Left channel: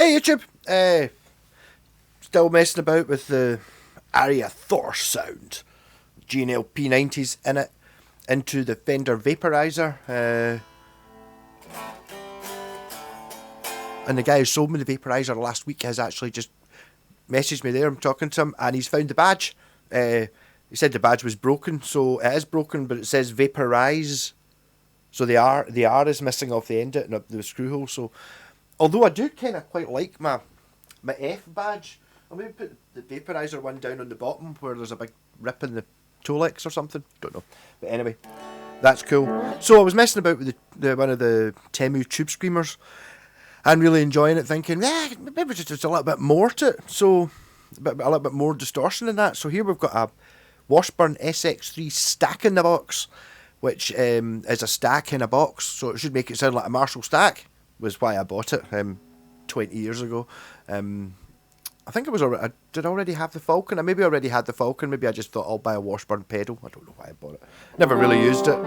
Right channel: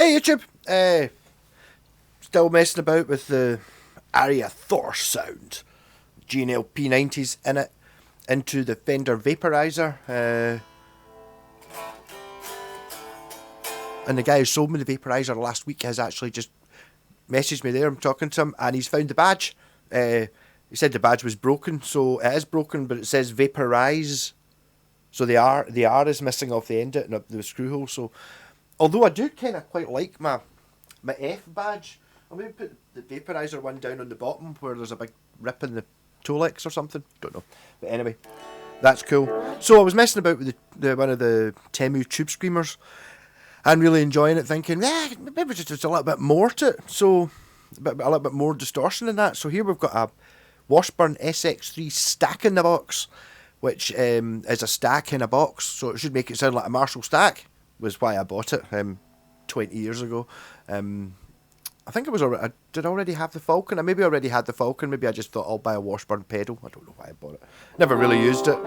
Hey YouTube, still messing about with the Aria Thor sound. G&L P90s in it, into the Fender Vaporizer. And the guy who sold me the Vaporizer last week has actually just messaged me there. I'm talking to him and he's found the badge. He said the badge was broken, so it is broken, but it says Vaporize. So the R is missing off the end of it and the screw hole. So although I do kind of quite like my F badge, I'll maybe put the Vaporizer one down on the bottom where there's a big rip in the Tolex or something. Don't know. But anyway, that's cool. So I was messing about with the one of the Temu Tube Screamers and really enjoying it, thinking, maybe just a little bit more to it. So a little bit more distortion in that. So here we've got a Washburn sx3 stack in the box, which is a stack in a box. So it should make it sound like a Marshall stack. Was why I bought it 20 years ago. I think it was already, did I already have the Falcon? I maybe already had the Falcon. Maybe I just thought I'll buy a Washburn pedal. I don't know why I bought it. Never really used it.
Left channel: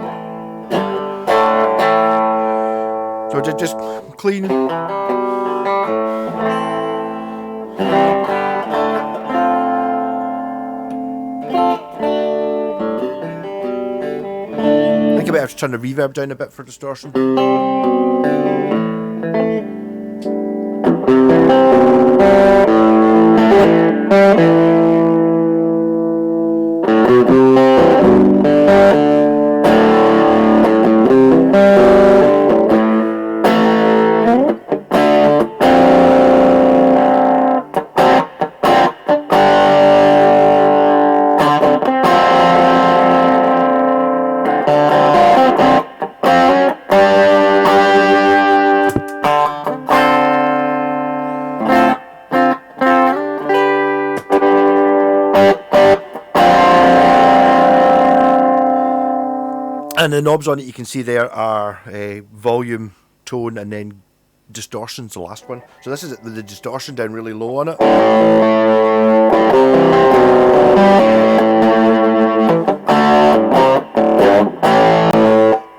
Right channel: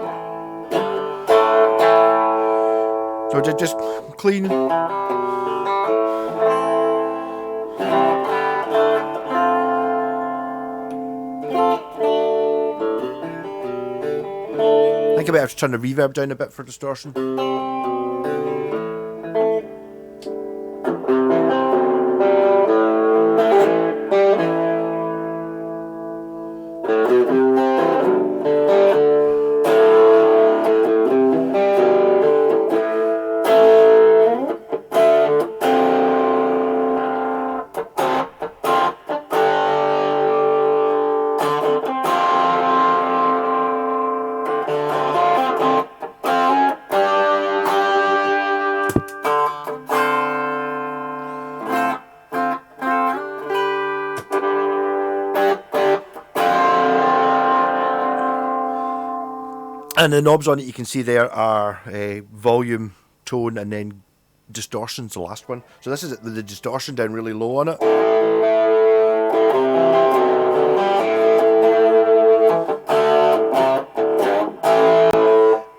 So just clean. I think I better turn the reverb down a bit for distortion. And the knobs on it you can see there are volume, tone, and then distortion's the last one. So this is it, the distortion down really low on it.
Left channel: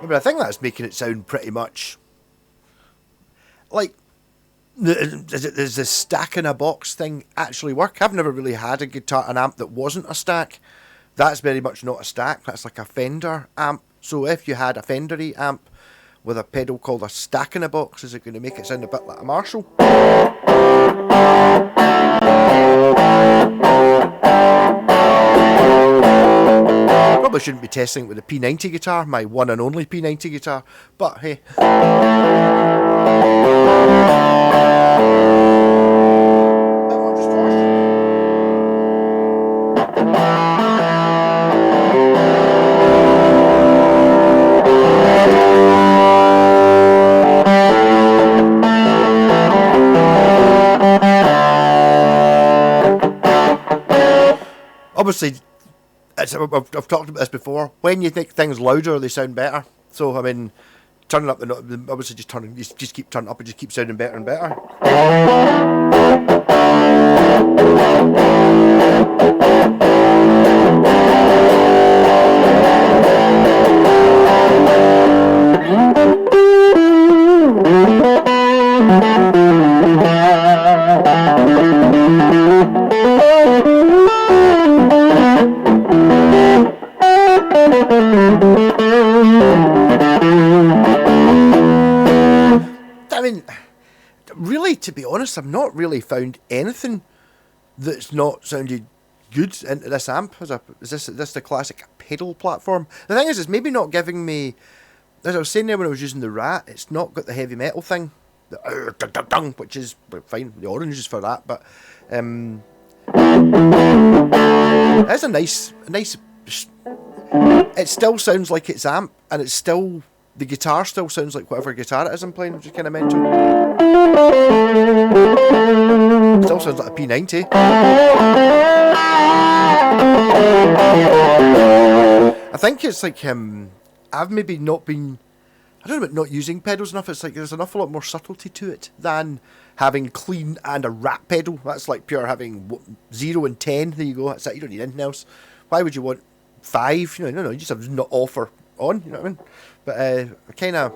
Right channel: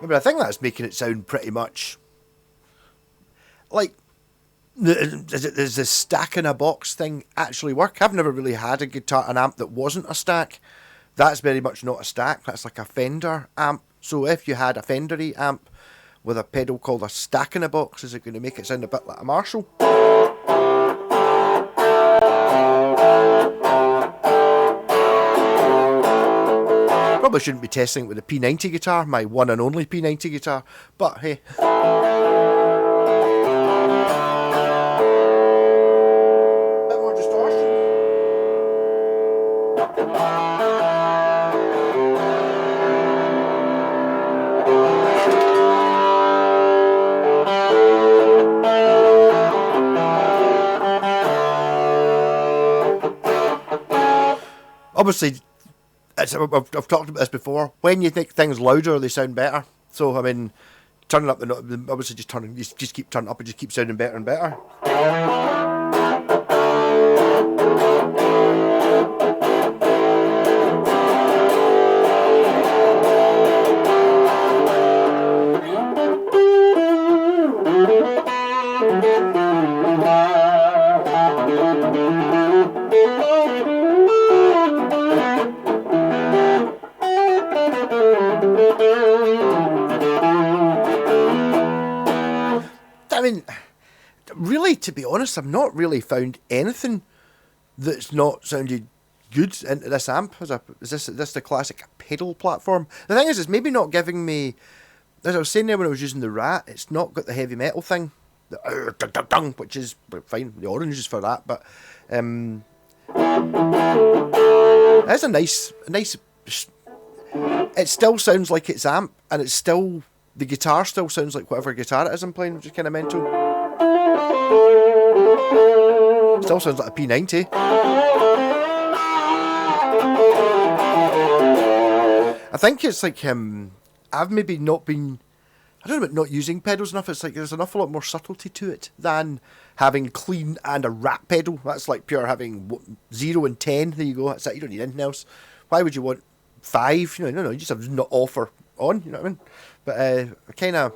But I think that's making it sound pretty much like, does the stack in a box thing actually work? I've never really had an amp that wasn't a stack. That's very much not a stack, that's like a Fender amp. So if you had a Fender-y amp with a pedal called a stack in a box, is it going to make it sound a bit like a Marshall? Probably shouldn't be testing it with a P90 guitar, my one and only P90 guitar, but hey. Bit more distortion. Obviously, I've talked about this before. When you make things louder, they sound better. So I mean, turning up obviously just keep turning up, and just keep sounding better and better. I mean, really, to be honest, I've not really found anything that's not sounded good into this amp. Is this the classic pedal platform? The thing is, it's maybe not giving me, as I was saying there when I was using the Rat, it's not got the heavy metal thing, which is fine. The orange is for that, but it's a nice. It still sounds like it's amp, and it's still. The guitar still sounds like whatever guitar it is I'm playing, which is kind of mental. Still sounds like a P90. I think it's like I've maybe not been, I don't know about not using pedals enough. It's like there's an awful lot more subtlety to it than having clean and a Rat pedal. That's like pure having 0 and 10. There you go. That's it. You don't need anything else. Why would you want 5? You just have not off or on. You know what I mean? But kind of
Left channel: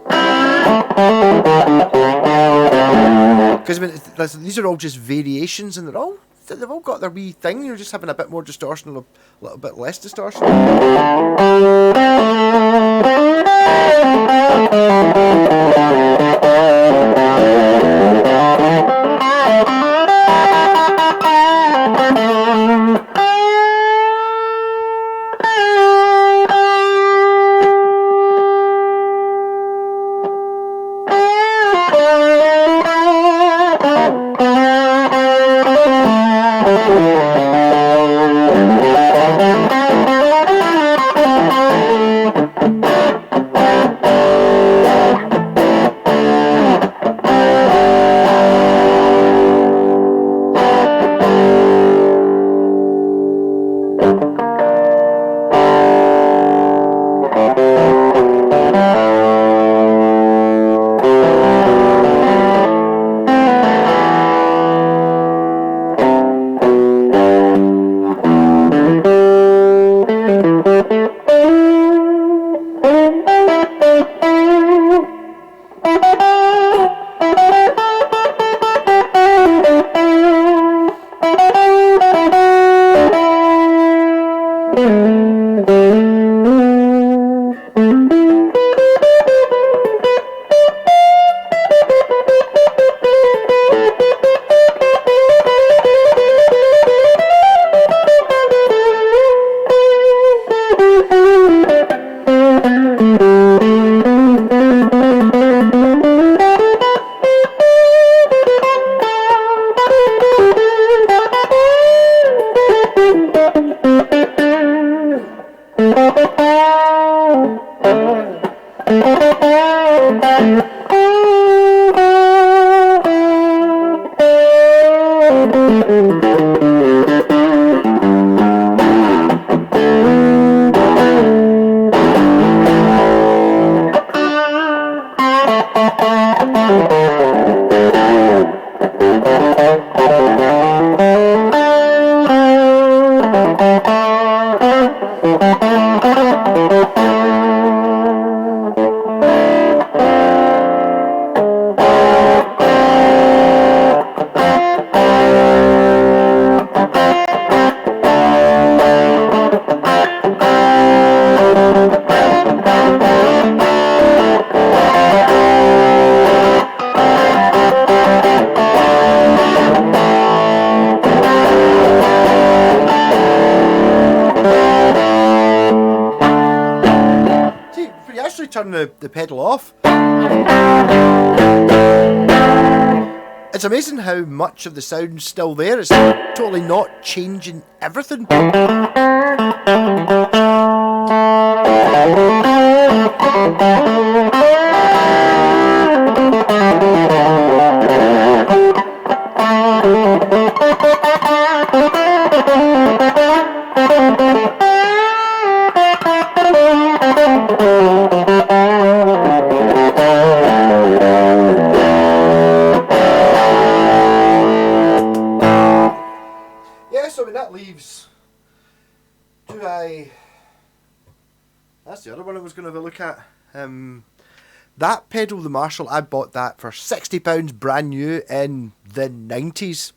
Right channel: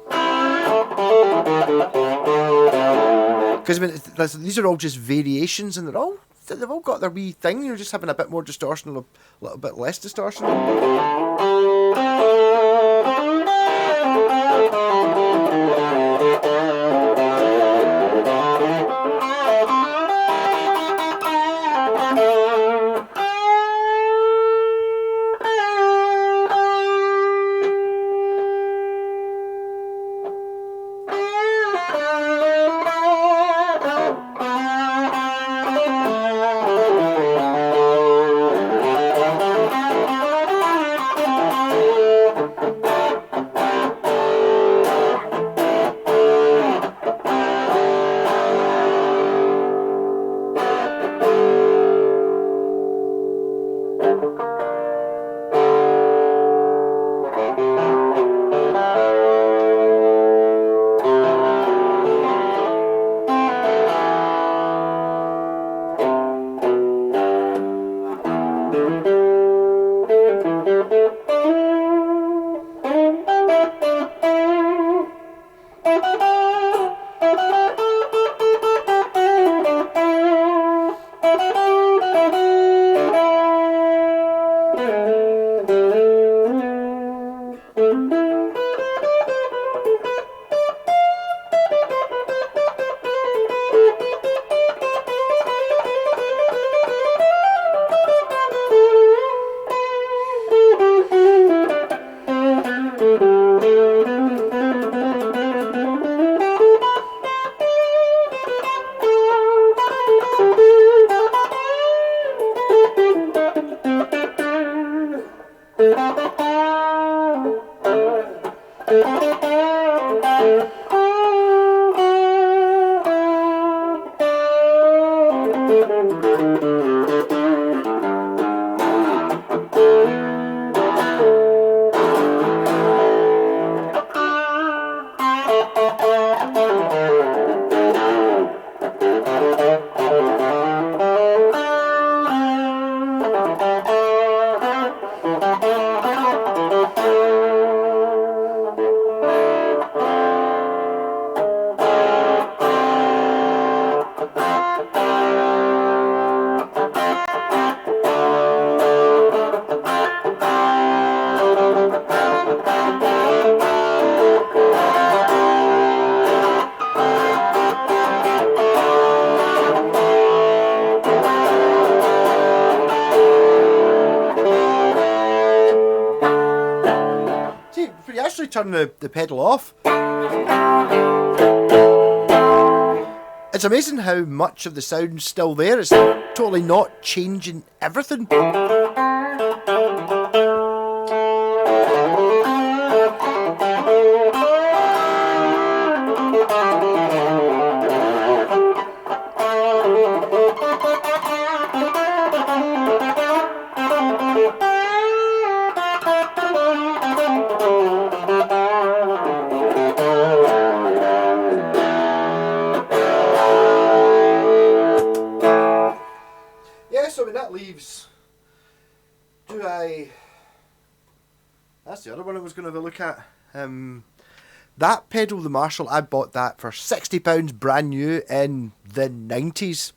Because I mean, these are all just variations, and they've all got their wee thing. You're just having a bit more distortion, a little bit less distortion. Turn the pedal off. It's amazing how much of the sound's still there. It's totally not changing everything. That's the other one I was going to have a look at. That pedal, the Marshall, I bought that for £60 brand new in the 90s.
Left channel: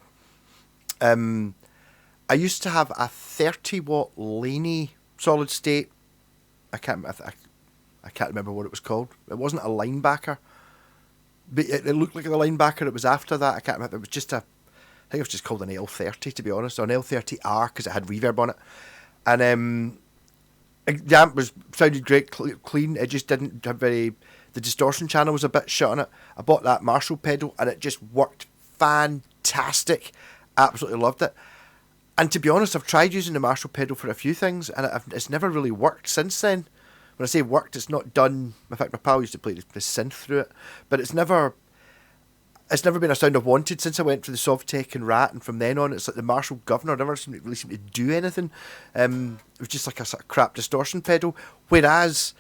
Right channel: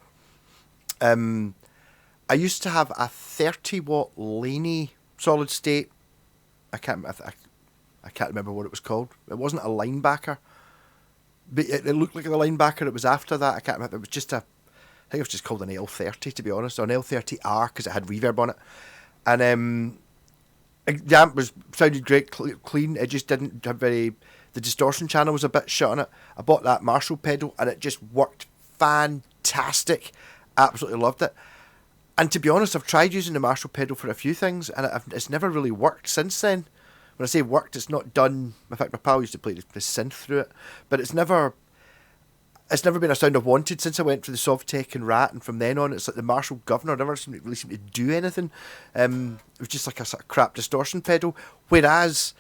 I used to have a 30-watt Laney solid state. I can't remember what it was called. It wasn't a linebacker, but it looked like the linebacker. It was after that. I can't remember. It was just I think it was just called an L30, to be honest, or an L30R, because it had reverb on it. And the amp sounded great, clean. It just didn't have the distortion channel was a bit shut on it. I bought that Marshall pedal and it just worked fantastic. Absolutely loved it. And to be honest, I've tried using the Marshall pedal for a few things and it's never really worked since then. When I say worked, it's not done. In fact, my pal used to play the synth through it, but it's never been a sound I've wanted since I went for the Sovtek and Rat, and from then on it's like the Marshall Governor never really seemed to do anything. It was just like a sort of crap distortion pedal, whereas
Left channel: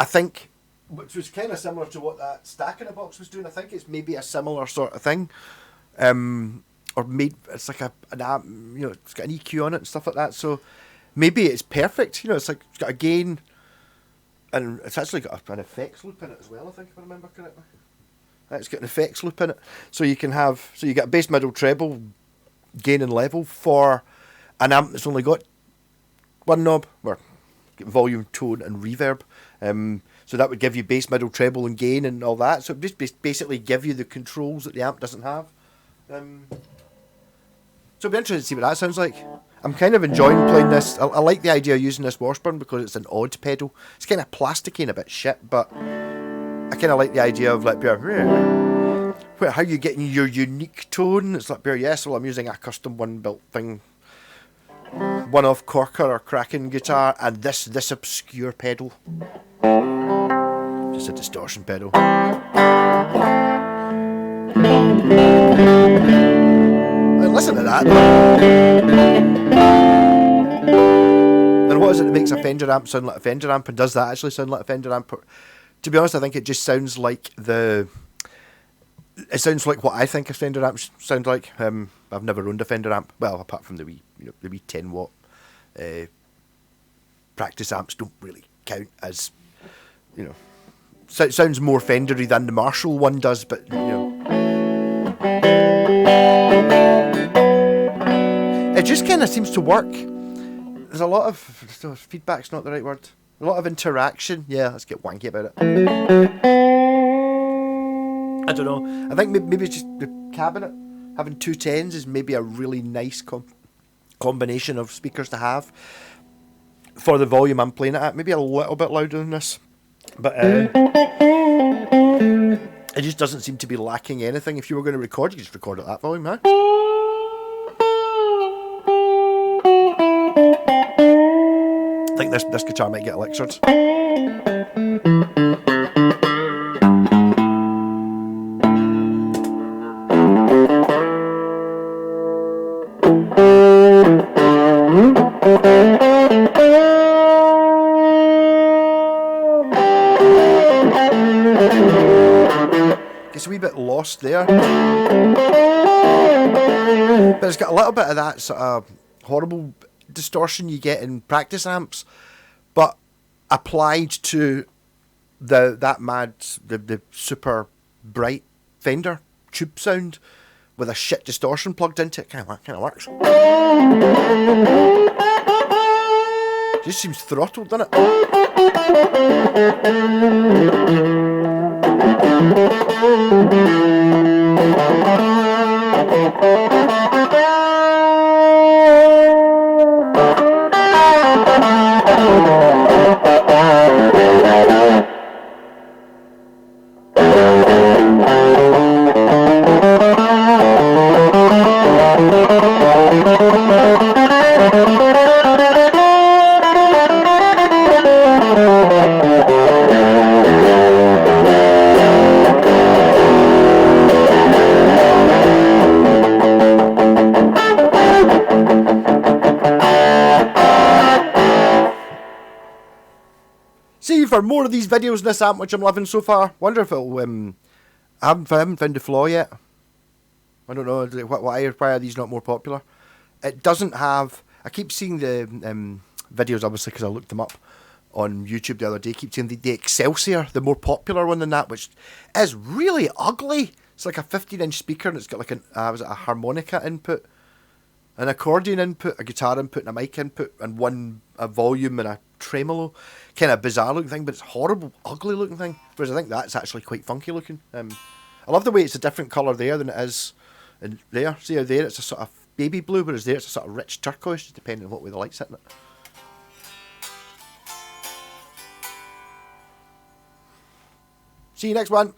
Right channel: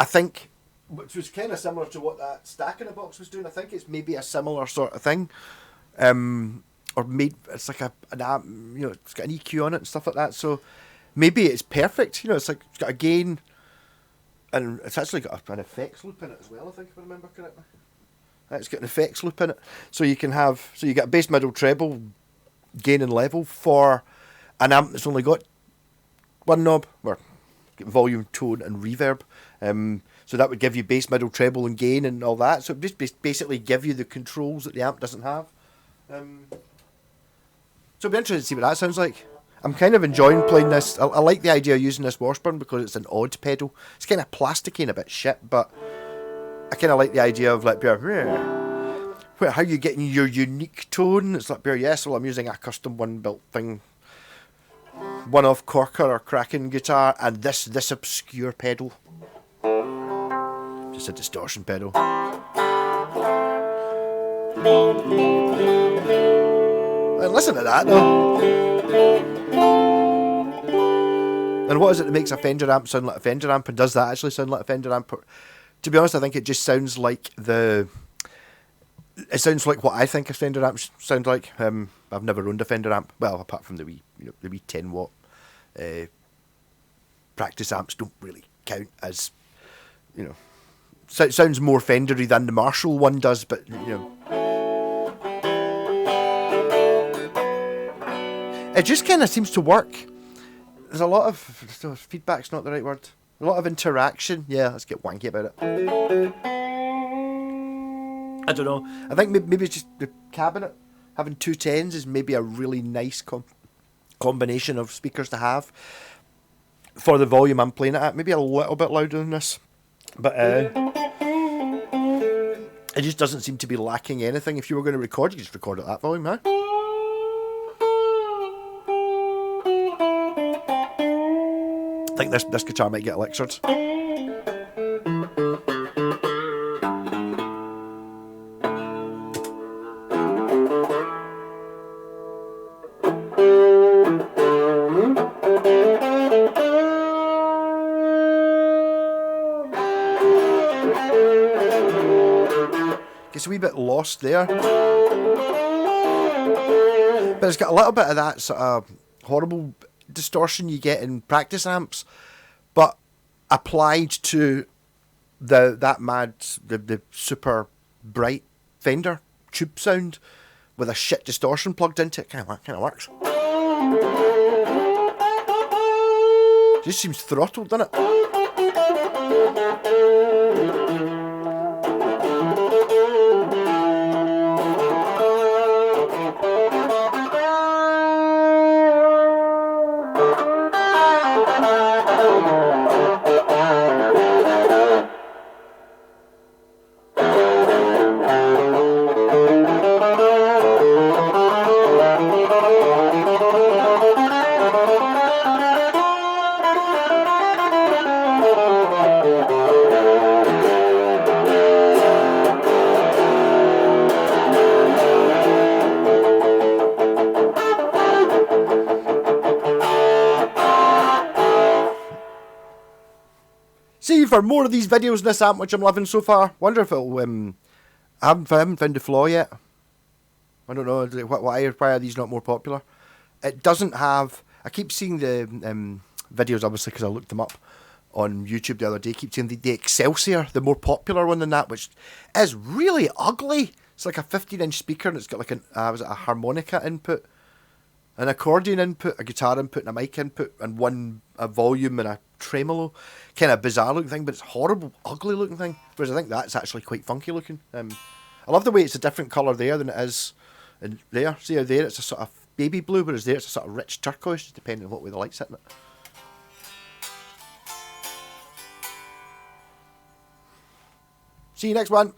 I think, which was kind of similar to what that Stack in a Box was doing, I think it's maybe a similar sort of thing, or made, it's like an amp, it's got an EQ on it and stuff like that, so maybe it's perfect, it's like, it's got a gain, and it's actually got an effects loop in it as well, I think, if I remember correctly. It's got an effects loop in it, so you get a bass, middle, treble, gain and level for an amp that's only got one knob, or volume, tone, and reverb. So that would give you bass, middle, treble, and gain, and all that. So it just basically give you the controls that the amp doesn't have. So it'll be interesting to see what that sounds like. I'm kind of enjoying playing this. I like the idea of using this washburn because it's an odd pedal. It's kind of plasticky and a bit shit, but I kind of like the idea of like, how you getting your unique tone. It's like, yes, well, I'm using a custom one-built thing, one-off corker or cracking guitar, and this obscure pedal. Just a distortion pedal. And listen to that, though. And what is it that makes a Fender amp sound like a Fender amp, and does that actually sound like a Fender amp? To be honest, I think it just sounds like it sounds like what I think a Fender amp sound like. I've never owned a Fender amp, well, apart from the wee 10-watt practice amps don't really count as, so it sounds more Fendery than the Marshall one does, but it just kind of seems to work. There's a lot of feedback's not the right word. A lot of interaction. Yeah, let's get wanky about it. I don't know. I think maybe it's just the cabinet. Having two 10s is maybe a really nice combination of speakers to have for the volume I'm playing it at. Maybe a little bit louder than this, but it just doesn't seem to be lacking anything. If you were going to record, you could just record at that volume, huh? I think this guitar might get electured. Gets a wee bit lost there. But it's got a little bit of that sort of horrible distortion you get in practice amps, but applied to the super bright Fender tube sound with a shit distortion plugged into it. Kind of works. Just seems throttled, doesn't it? See, for more of these videos in this amp, which I'm loving so far, wonder if it'll, I haven't found the flaw yet. I don't know, why are these not more popular? It doesn't have, I keep seeing the videos, obviously, because I looked them up on YouTube the other day, keep seeing the Excelsior, the more popular one than that, which is really ugly. It's like a 15-inch speaker, and it's got like a harmonica input, an accordion input, a guitar input, and a mic input, and a volume and a tremolo. Kind of bizarre looking thing, but it's horrible, ugly looking thing. Whereas I think that's actually quite funky looking. I love the way it's a different colour there than it is in there. See how there it's a sort of baby blue, whereas there it's a sort of rich turquoise, just depending on what way the light's hitting it. See you next one.